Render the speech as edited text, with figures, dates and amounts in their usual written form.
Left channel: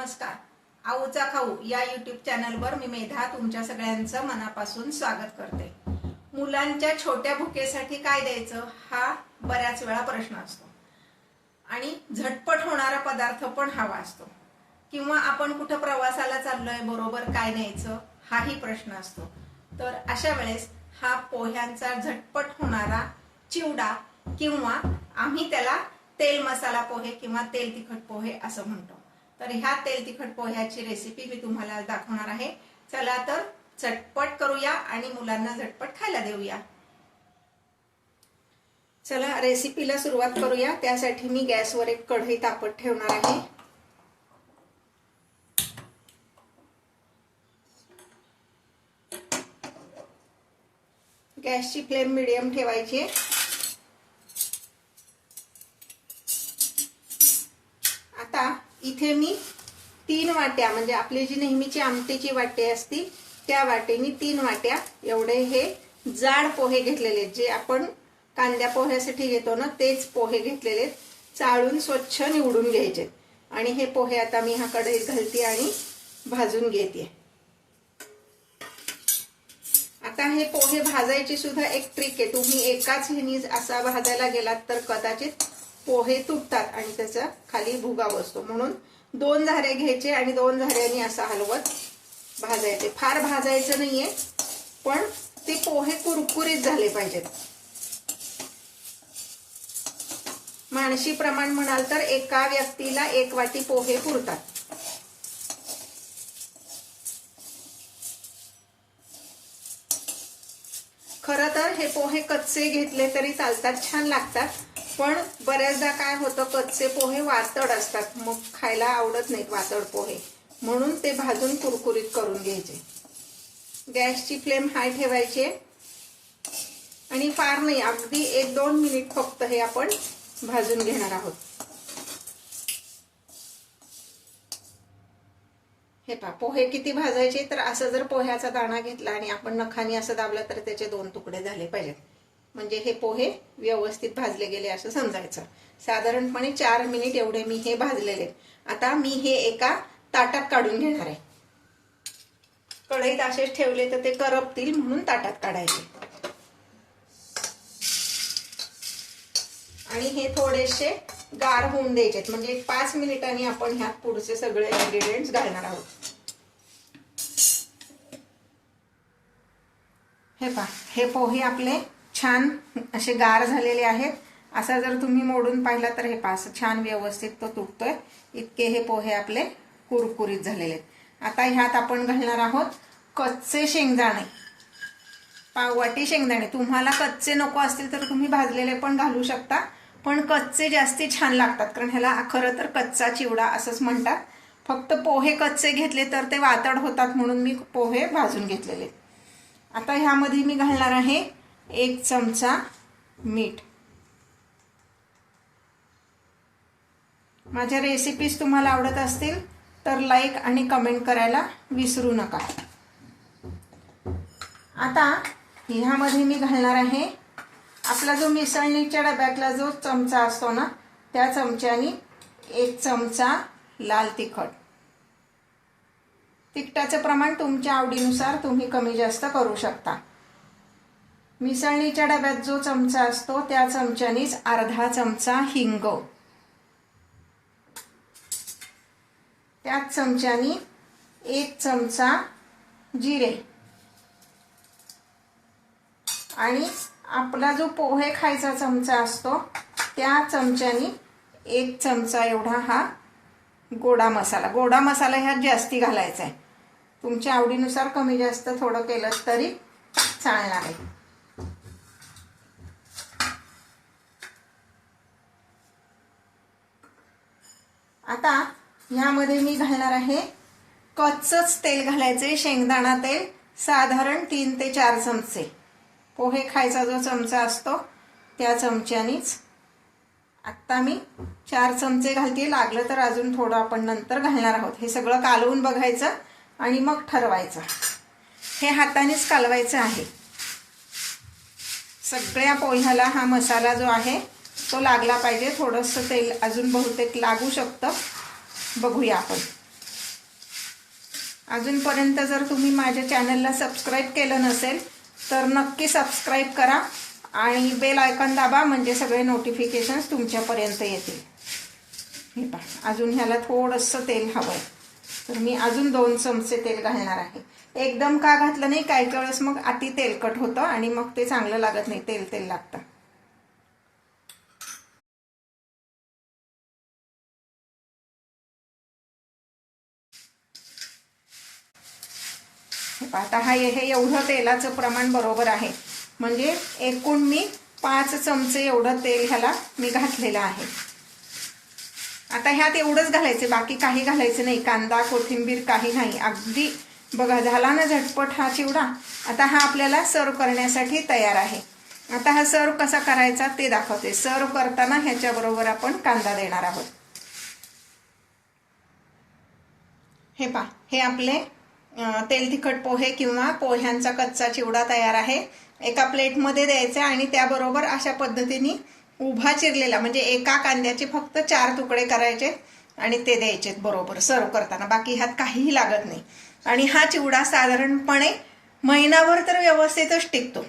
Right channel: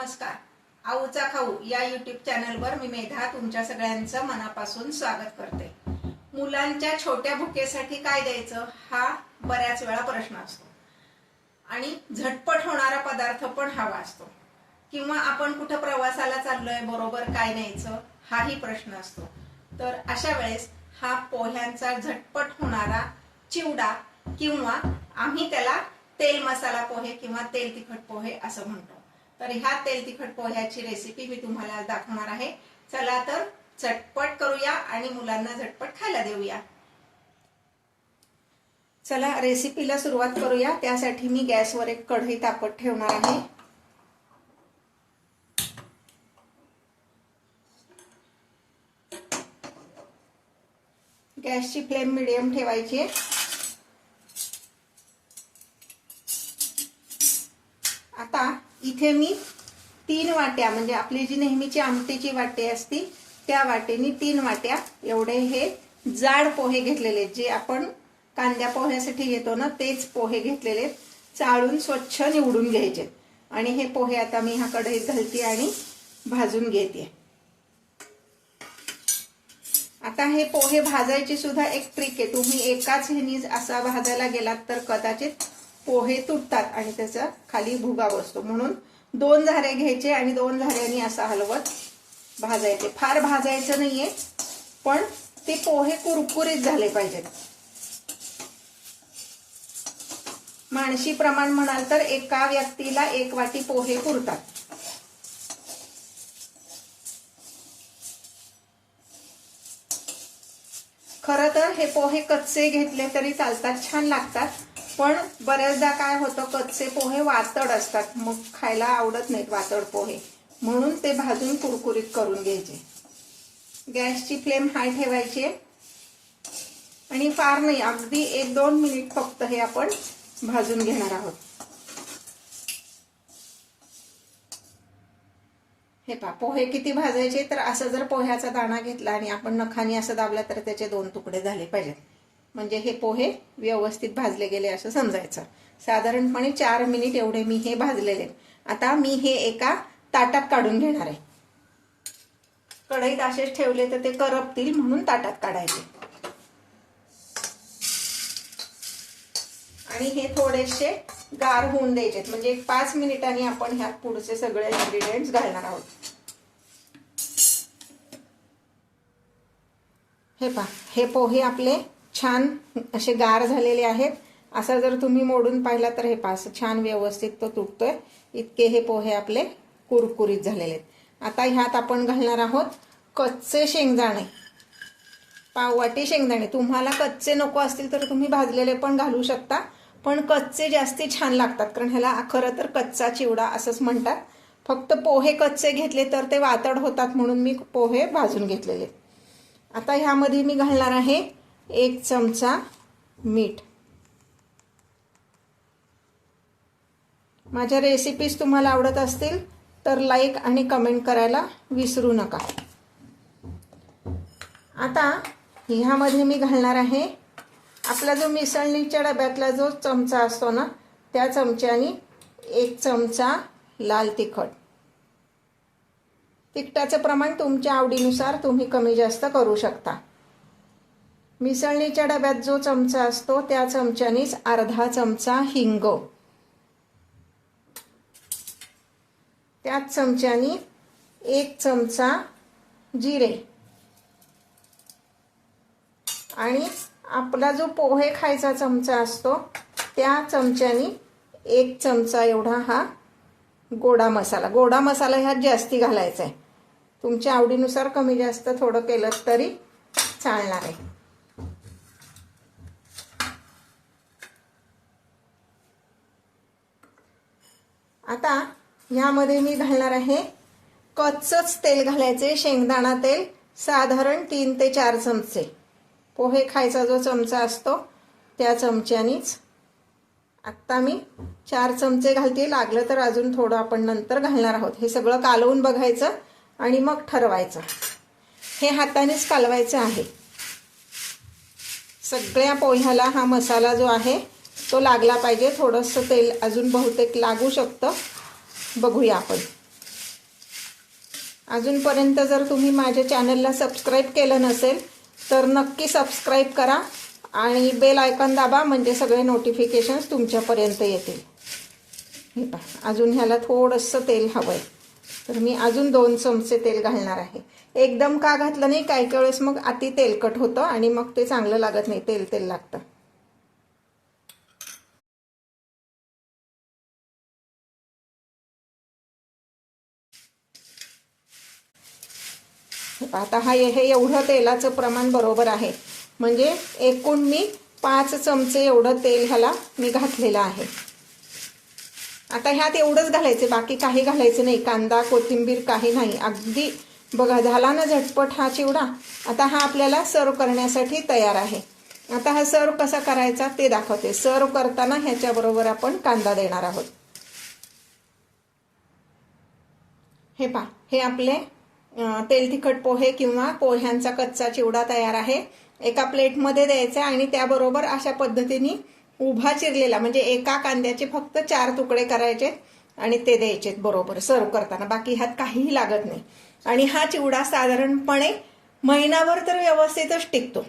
नमस्कार. आऊचा खाऊ या यूट्यूब चॅनलवर मी मेधा तुमच्या सगळ्यांचं मनापासून स्वागत करते. मुलांच्या छोट्या भुकेसाठी काय द्यायचं हा बऱ्याच वेळा प्रश्न असतो आणि झटपट होणारा पदार्थ पण हवा असतो, किंवा आपण कुठे प्रवासाला चाललोय बरोबर काय न्यायचं हाही प्रश्न असतो. तर अशा वेळेस हा पोह्यांचा झटपट होणारा चिवडा, किंवा आम्ही त्याला तेल मसाला पोहे किंवा तेल तिखट पोहे असं म्हणतो. तर ह्या तेल तिखट पोह्याची रेसिपी मी तुम्हाला दाखवणार आहे. चला तर झटपट करूया आणि मुलांना झटपट खायला देऊया. चला रेसिपीला सुरुवात करूया. त्यासाठी मी गॅसवर एक कढई तापत ठेवणार आहे. गॅसची फ्लेम मीडियम ठेवायची. आता इथे मी 3 वाट्या, म्हणजे आपली जी नेहमीची आमटीची वाटी असती त्या वाटेनी 3 वाट्या एवढे हे जाड पोहे घेतलेले, जे आपण कांद्या पोह्यासाठी घेतो ना तेच पोहे घेतलेले. चाळून स्वच्छ निवडून घ्यायचे आणि हे पोहे आता मी ह्या कढईत घालते आणि भाजून घेते. आता हे पोहे भाजायची सुद्धा एक ट्रिक आहे. तुम्ही एकाच ह्यानी असा भाजायला गेलात तर कदाचित पोहे तुटतात आणि त्याचा खाली भुगा बसतो. म्हणून 2 झारे घ्यायचे आणि 2 झाऱ्यांनी असा हलवत भाजायचे. फार भाजायचं नाहीये, पण ते पोहे कुरकुरीत झाले पाहिजेत. माणशी प्रमाण म्हणाल तर एका व्यक्तीला 1 वाटी पोहे पुरतात. खरं तर हे पोहे कच्चे घेतले तरी चालतात, छान लागतात. पण बऱ्याचदा काय होतं, कच्चे पोहे वातड असतात, मग खायला आवडत नाहीत वातड पोहे, म्हणून ते भाजून कुरकुरीत करून घ्यायचे. गॅसची फ्लेम हाय ठेवायची आणि फार नाही, अगदी 1-2 मिनिट फक्त हे आपण भाजून घेणार आहोत. हे पहा, पोहे किती भाजायचे तर असं जर पोह्याचा दाणा घेतला आणि आपण नखाने असं दाबला तर त्याचे 2 तुकडे झाले पाहिजेत, म्हणजे हे पोहे व्यवस्थित भाजले गेले असं समजायचं. साधारणपणे 4 मिनिट एवढे मी हे भाजलेले. आता मी हे एका ताटात काढून घेणार आहे. कढईत असेच ठेवले तर ते करपतील, म्हणून ताटात काढायचे. आणि हे थोडेसे गार होऊन द्यायचे, म्हणजे 5 मिनिटांनी आपण ह्यात पुढचे सगळे इन्ग्रेडियंट्स घालणार आहोत. हे पहा, हे पोहे आपले छान असे गार झालेले आहेत. असा जर तुम्ही मोडून पाहिला तर हे पहा, छान व्यवस्थित तो तुटतोय. इतके हे पोहे आपले कुरकुरीत झालेले आहेत. आता ह्यात आपण घालणार आहोत कच्चे शेंगदाणे, पाववाटी शेंगदाणे. तुम्हाला कच्चे नको असतील तर तुम्ही भाजलेले पण घालू शकता, पण कच्चे जास्ती छान लागतात, कारण ह्याला खरं तर कच्चा चिवडा असंच म्हणतात. फक्त पोहे कच्चे घेतले तर ते वातड होतात, म्हणून मी पोहे भाजून घेतलेले. आता ह्यामध्ये मी घालणार आहे 1 चमचा मीठ. माझ्या रेसिपीज तुम्हाला आवडत असतील तर लाईक आणि कमेंट करायला विसरू नका. आता ह्यामध्ये मी घालणार आहे आपला जो मिसळणीच्या डब्यातला जो चमचा असतो ना, त्या चमच्याने 1 चमचा लाल तिखट. तिखटाचं प्रमाण तुमच्या आवडीनुसार तुम्ही कमी जास्त करू शकता. मिसळणीच्या डब्यात जो चमचा असतो त्या चमच्यानेच अर्धा चमचा हिंग, त्याच चमच्याने 1 चमचा जिरे, आणि आपला जो पोहे खायचा चमचा असतो त्या चमच्याने 1 चमचा एवढा हा गोडा मसाला. गोडा मसाला ह्यात जास्ती घालायचा आहे. तुमच्या आवडीनुसार कमी जास्त थोडं केलं तरी चालणार आहे. आता ह्यामध्ये मी घालणार आहे कच्चंच तेल घालायचे, शेंगदाणा तेल, साधारण 3 ते 4 चमचे. पोहे खायचा जो चमचा असतो त्या चमच्यानीच. आत्ता मी 4 चमचे घालते, लागलं तर अजून थोडं आपण नंतर घालणार आहोत. हे सगळं कालवून बघायचं आणि मग ठरवायचं. हे हातानेच कालवायचं आहे. सगळ्या पोह्याला हा मसाला जो आहे तो लागला पाहिजे. थोडंसं तेल अजून बहुतेक लागू शकतं, बघूया आपण. अजूनपर्यंत जर तुम्ही माझ्या चॅनलला सबस्क्राईब केलं नसेल तर नक्की सबस्क्राईब करा आणि बेल आयकॉन दाबा, म्हणजे सगळे नोटिफिकेशन्स तुमच्यापर्यंत येतील. हे पहा, अजून ह्याला थोडंसं तेल हवंय, तर मी अजून 2 चमचे तेल घालणार आहे. एकदम का घातलं नाही, काही वेळेस मग अति तेलकट होतं आणि मग ते चांगलं लागत नाही, तेल तेल लागतं. आता हे एवढं तेलाचं प्रमाण बरोबर आहे, म्हणजे एकूण मी 5 चमचे एवढं तेल ह्याला मी घातलेलं आहे. आता ह्यात एवढंच घालायचं, बाकी काही घालायचं नाही, कांदा कोथिंबीर काही नाही. अगदी बघा झाला ना झटपट हा चिवडा. आता हा आपल्याला सर्व करण्यासाठी तयार आहे. आता हा सर्व कसा करायचा ते दाखवते. सर्व करताना ह्याच्याबरोबर आपण कांदा देणार आहोत. हे पहा, हे आपले तेल तिखट पोहे किंवा पोह्यांचा कच्चा चिवडा तयार आहे. एका प्लेटमध्ये द्यायचा आणि त्याबरोबर अशा पद्धतीने उभा चिरलेला, म्हणजे एका कांद्याचे फक्त 4 तुकडे करायचे आणि ते द्यायचे बरोबर सर्व करताना. बाकी ह्यात काहीही लागत नाही. आणि हा चिवडा साधारणपणे महिनाभर तर व्यवस्थितच टिकतो.